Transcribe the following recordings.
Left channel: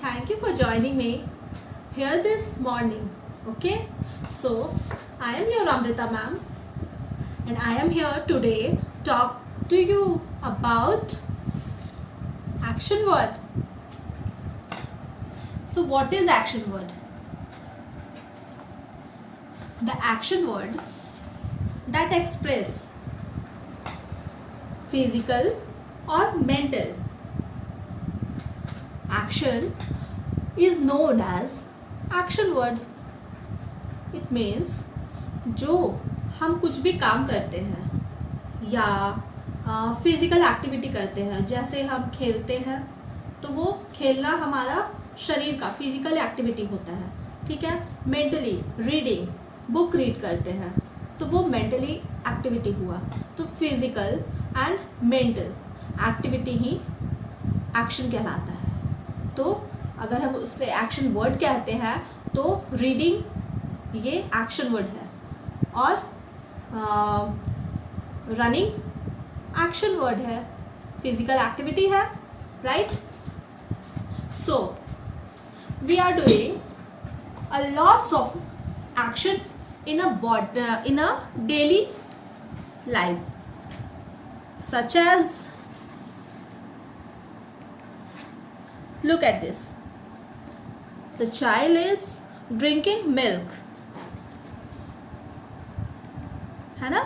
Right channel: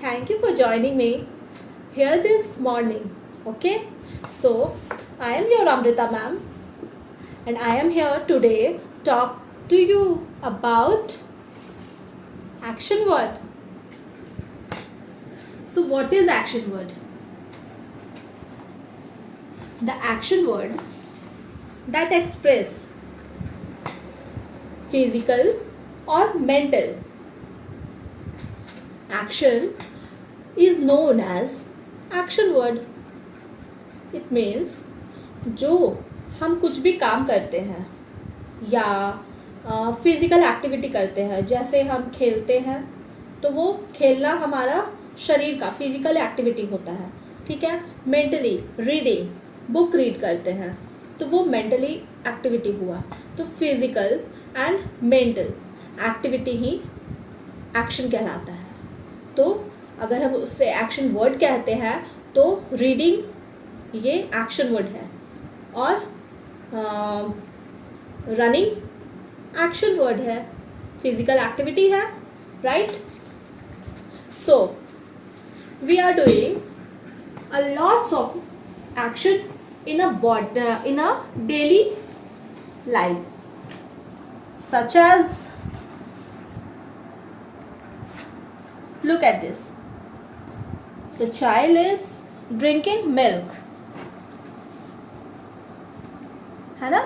Thank you for joining me here this morning. Okay, so I am your Amrita ma'am, and I am here today talk to you about action word. So what is action word? The action word that express physical or mental action is known as action word. It means जो हम कुछ भी काम करते हैं या physical activity करते हैं, जैसे हम खेलते हैं तो वो खेलना हमारा शरीर का फिजिकल एक्टिविटी होता है, ठीक है। मेंटली रीडिंग, बुक रीड करते हैं तो वो मेंटली एक्टिविटी हुआ। तो physical and mental activity he action कहलाता है। तो अगर हम उससे एक्शन वर्ड कहते हैं तो रीडिंग ये एक्शन वर्ड है और रनिंग एक्शन वर्ड है, फिजिकल एक्टिविटी है, right. So we are doing a lots of action in a daily life, such as, look at this, the child is drinking milk, है ना।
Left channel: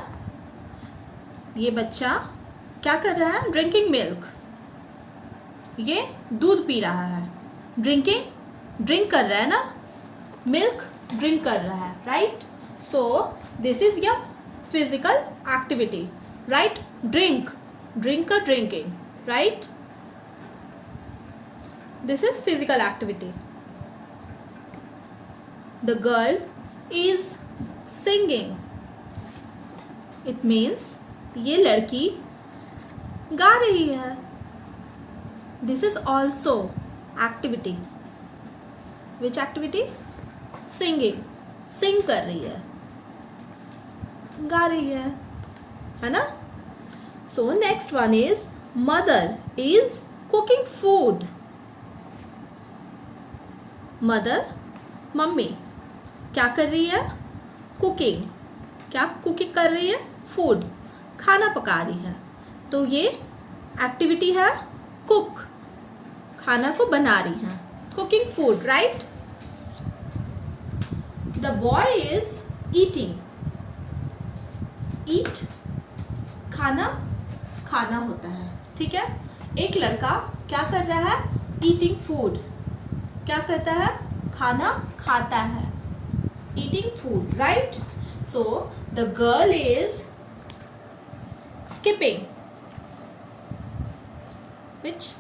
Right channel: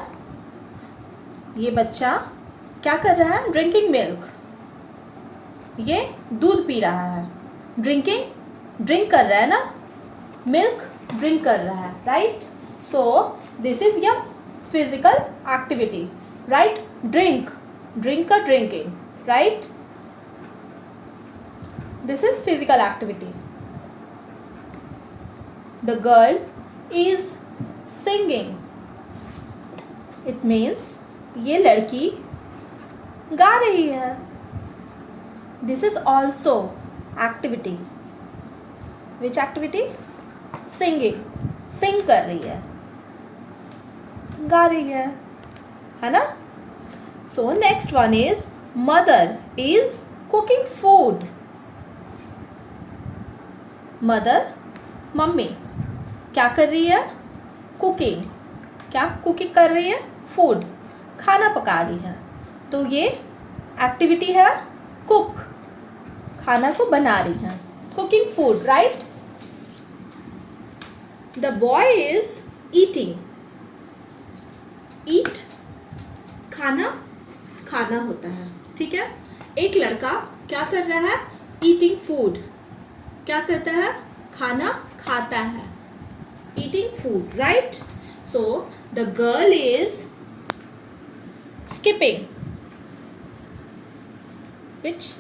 ये बच्चा क्या कर रहा है? ड्रिंकिंग मिल्क, ये दूध पी रहा है। ड्रिंकिंग ड्रिंक कर रहा है ना, मिल्क ड्रिंक कर रहा है, right. So this is your physical activity, right? Drink or drinking, right? This is physical activity. The girl is singing. It means ये लड़की गा रही है। This is also activity. Which activity? Singing. Sing कर रही है, गा रही है ना। So next one is mother is cooking food. Mother mummy क्या कर रही है? कुकिंग। क्या कुकिंग कर रही है? फूड, खाना पका रही है। तो ये एक्टिविटी है कुक, खाना को बना रही है, cooking food, right. The boy is eating. Eat खाना, खाना होता है, ठीक है। एक लड़का क्या कर रहा है? Eating food. क्या करता है? खाना खाता है, eating food, right. So the girl is skipping, which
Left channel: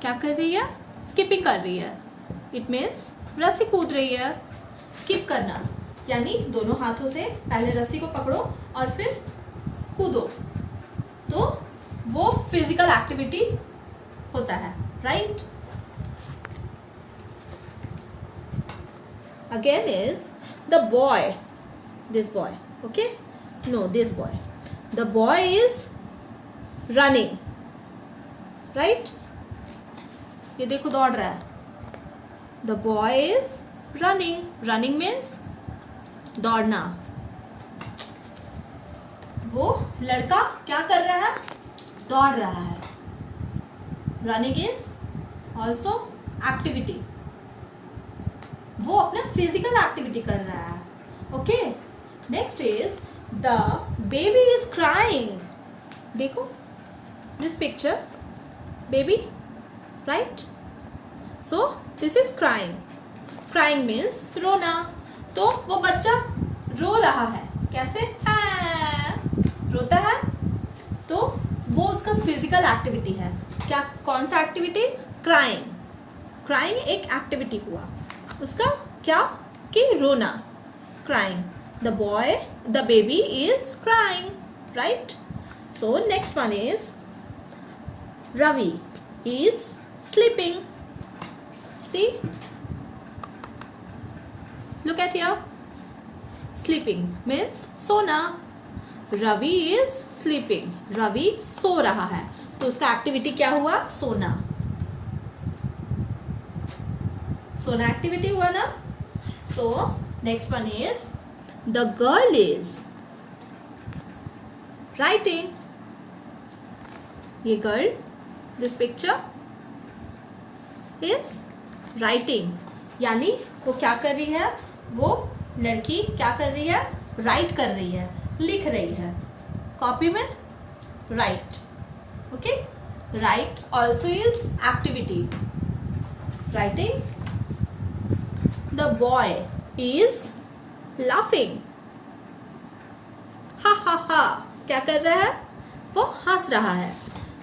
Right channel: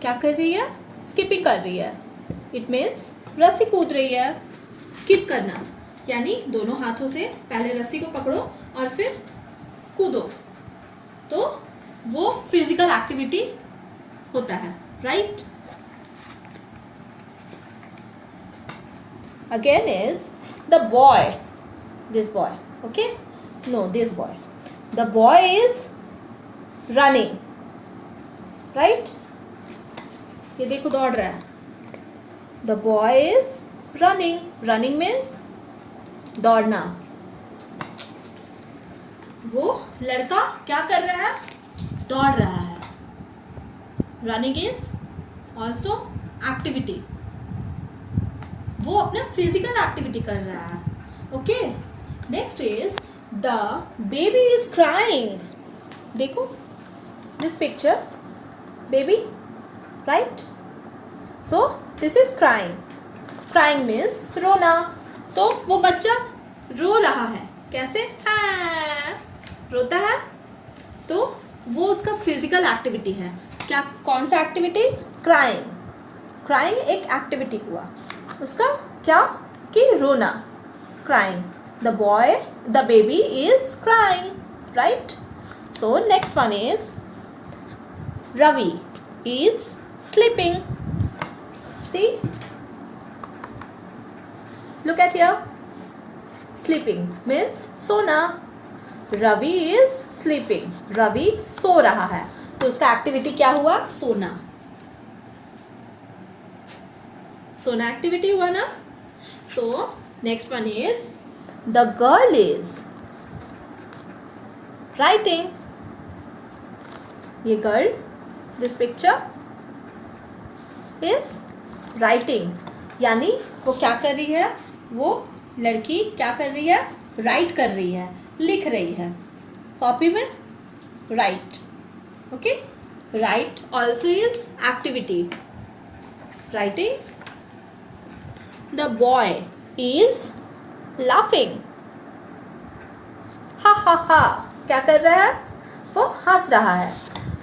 क्या कर रही है? स्किपिंग कर रही है। इट मीन्स रस्सी कूद रही है। स्किप करना यानी दोनों हाथों से पहले रस्सी को पकड़ो और फिर कूदो, तो वो फिजिकल एक्टिविटी होता है, right. Again is the boy, this boy, okay, no this boy, the boy is running, right. ये देखो दौड़ रहा है। The boy is running. Running means दौड़ना। वो लड़का क्या कर रहा है? दौड़ रहा है। रनिंग इज ऑल्सो एक्टिविटी, वो अपना फिजिकल एक्टिविटी कर रहा है, okay. Next is the baby is crying. देखो this picture, baby, right. So this is crying. Crying means रोना। तो वो बच्चा रो रहा है, कैसे? हाँ, रोता है। तो वो उसका फिजिकल एक्टिविटी है। क्या, कौन सा एक्टिविटी? क्राइंग। क्राइंग एक एक्टिविटी हुआ उसका, क्या कि रोना, crying. The boy, the baby is crying, right. So next one is Ravi is sleeping. See, look at here, sleeping means सोना। रवि इज स्लीपिंग, रवि सो रहा है, तो उसका एक्टिविटी क्या हुआ? सोना। सोना एक्टिविटी हुआ ना. So next one is the girl is writing. ये girl, this picture is writing, यानी वो क्या कर रही है, वो लड़की क्या कर रही है, राइट कर रही है, लिख रही है कॉपी में. Right. Okay. Right also is activity. Writing. The boy is laughing. हा हा हा. क्या कर रहा है, वो हंस रहा है.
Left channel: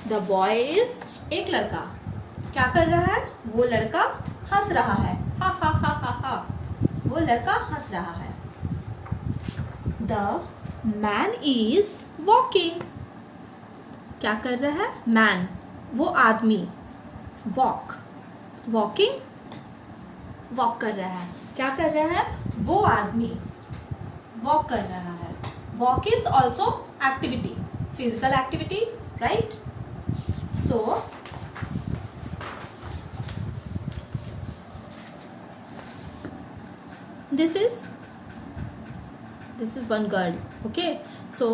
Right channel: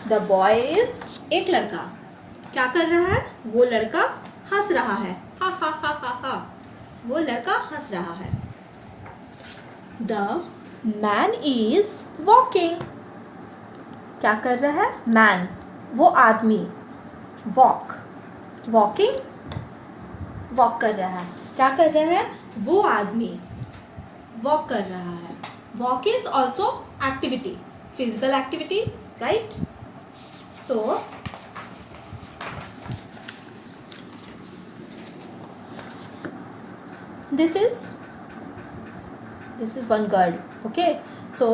द बॉय इज, एक लड़का क्या कर रहा है, वो लड़का हंस रहा है. हा हा हा हा हा. वो लड़का हंस रहा है. The man is walking. क्या कर रहा है, मैन, वो आदमी. वॉक, वॉकिंग, वॉक कर रहा है. क्या कर रहा है, वो आदमी वॉक कर रहा है. Walk is also activity, physical activity, right. So this is one girl. Okay, so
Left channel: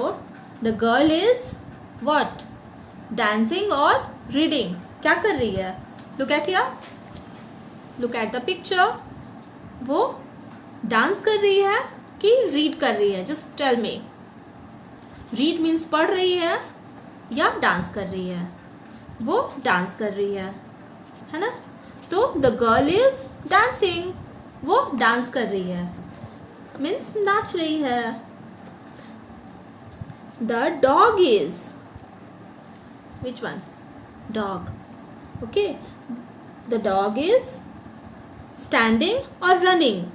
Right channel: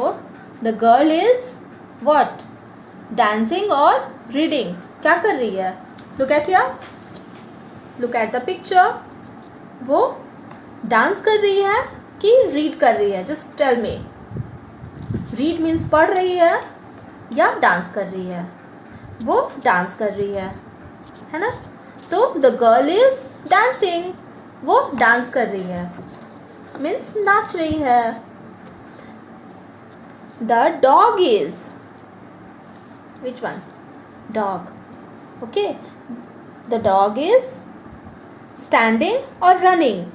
the girl is what, dancing or reading. क्या कर रही है, look at here, look at the picture. वो डांस कर रही है कि रीड कर रही है, just tell me. Read means पढ़ रही है या डांस कर रही है, वो डांस कर रही है ना. तो द गर्ल इज डांसिंग, वो डांस कर रही है, मीन्स नाच रही है. The dog is, which one, dog. Okay. The dog is standing और रनिंग.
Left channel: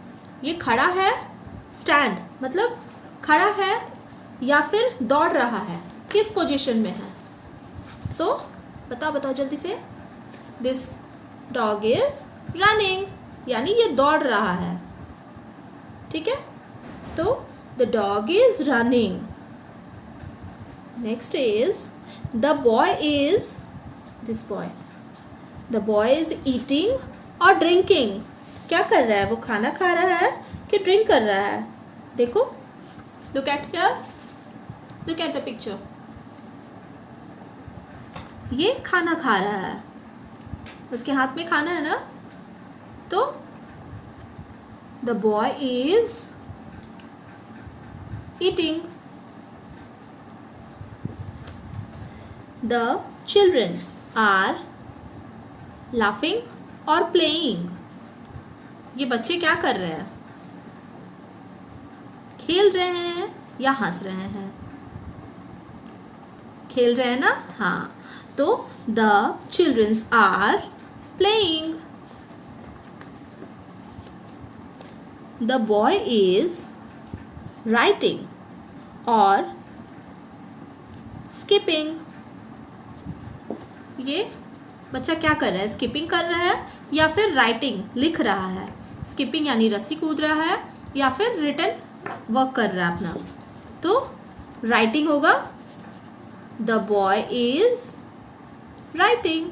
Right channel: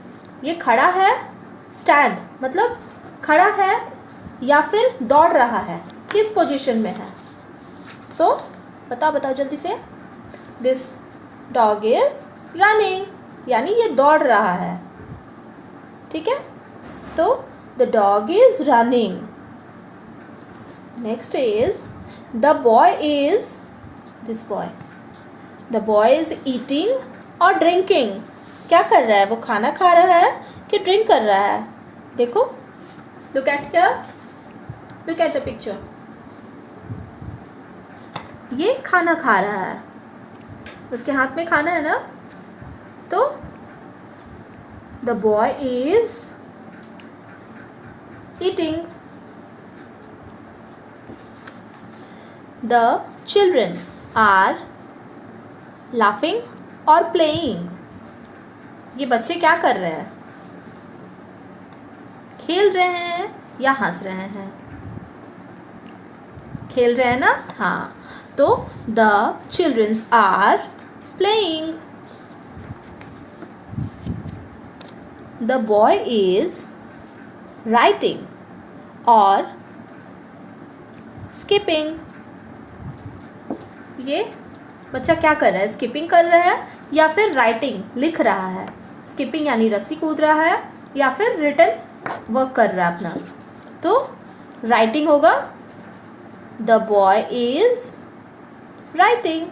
ये खड़ा है, स्टैंड मतलब खड़ा है या फिर दौड़ रहा है, किस पोजीशन में है. सो बताओ जल्दी से. दिस डॉग इज रनिंग, यानी ये दौड़ रहा है. ठीक है. तो the dog is running. Next is the boy is, this boy, the boy is eating और ड्रिंकिंग. क्या कर रहा है, वो खाना खा रहा है कि ड्रिंक कर रहा है. देखो, look at here, look at the picture. ये खाना खा रहा है, उसके हाथ में खाना है ना. तो the boy is eating. The childrens are laughing और प्लेइंग. ये बच्चे क्या कर रहे हैं, खेल रहे हैं या हंस रहे हैं. खेल रहे हैं ना. हाँ. तो the childrens are playing. The boy is writing or skipping. ये बच्चा क्या कर रहा है, स्किपिंग कर रहा है या फिर राइटिंग, लिख रहा है. स्किपिंग यानी रस्सी कूद रहा है या फिर रिटन वर्क कर रहा है अपना. तो राइटिंग होगा. The boy is writing.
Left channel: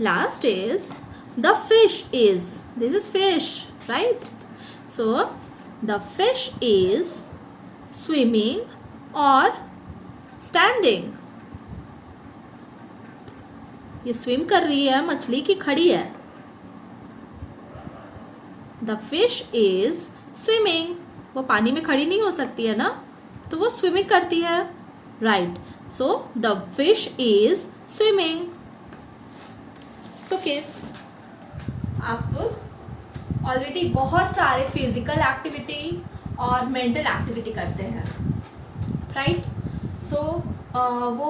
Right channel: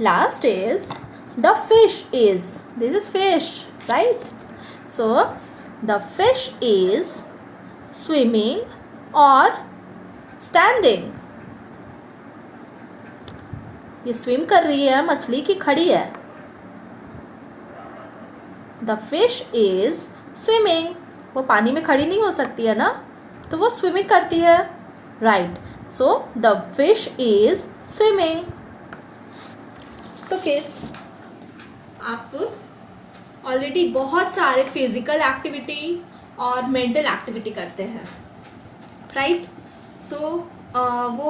Last is the fish is, this is fish, right. So the fish is swimming or standing. ये स्विम कर रही है मछली की खड़ी है. The fish is swimming. वो पानी में खड़ी नहीं हो सकती है ना, तो वो स्विमिंग करती है. right. So the fish is swimming. So kids, आप ऑलरेडी बहुत सारे फिजिकल एक्टिविटी और मेंटल एक्टिविटी करते हैं, राइट. सो वो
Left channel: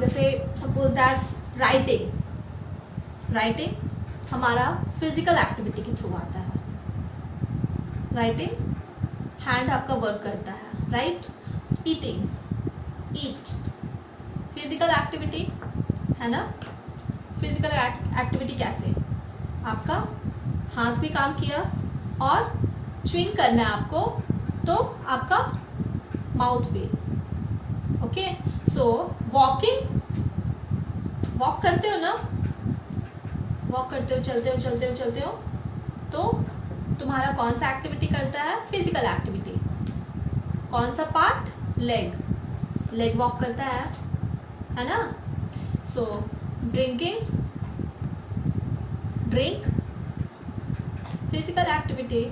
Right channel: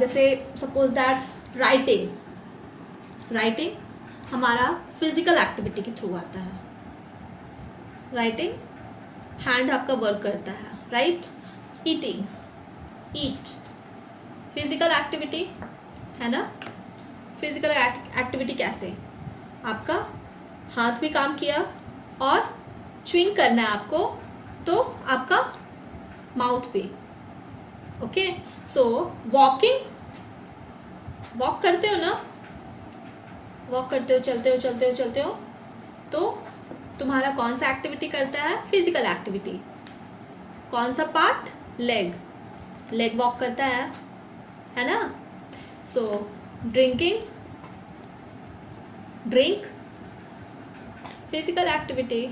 जैसे सपोज दैट राइटिंग हमारा फिजिकल एक्टिविटी के थ्रू आता है. राइटिंग हैंड आपका वर्क करता है, राइट. ईट फिजिकल एक्टिविटी है ना. फिजिकल एक्टिविटी कैसे, आपका हाथ भी काम किया और च्विंग करना है आपको, तो आपका माउथ भी. ओके. सो वॉकिंग, वॉक करते हो ना, वॉक करते हो, चलते हो तो तुम्हारा कौन सा एक्टिविटी करता है? Physical activity. कौन सा पार्ट? लेग वॉक करता है ना? सो ड्रिंक, फिजिकल एक्टिविटी।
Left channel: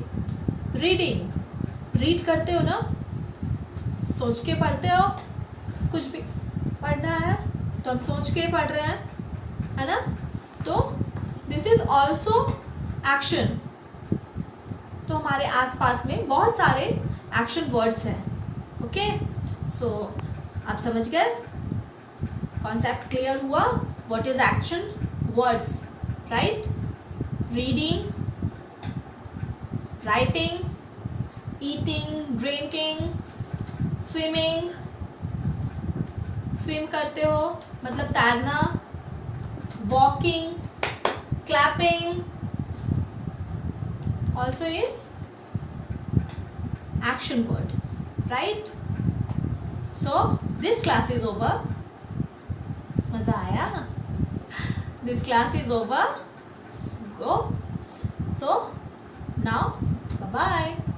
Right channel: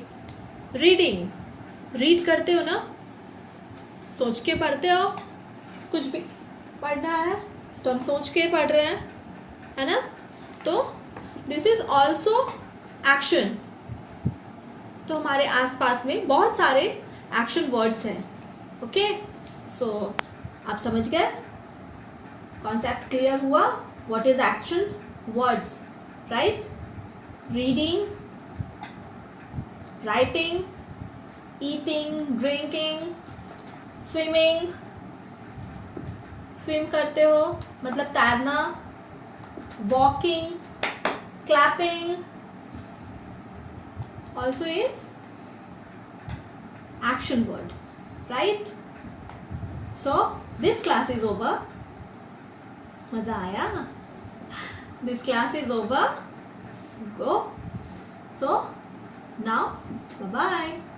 रीड करते हो ना, सोच के पढ़ते हो। कुछ भी पढ़ना है तो हम सोच के पढ़ रहे हैं, है ना? तो दिस इज ऑल्सो एक्शन। तो हमारे आसपास में बहुत सारे एक्शन वर्ड्स हैं। ओके, सो आप समझ गए? कॉन्सेप्ट क्लियर हुआ? What is action words, right? Reading, writing, eating, drinking, swimming, swim करते हो मतलब तैरना, walking, clapping also is action word, right? So this class is over. मजा आया? This class is over. Go. So now bye bye.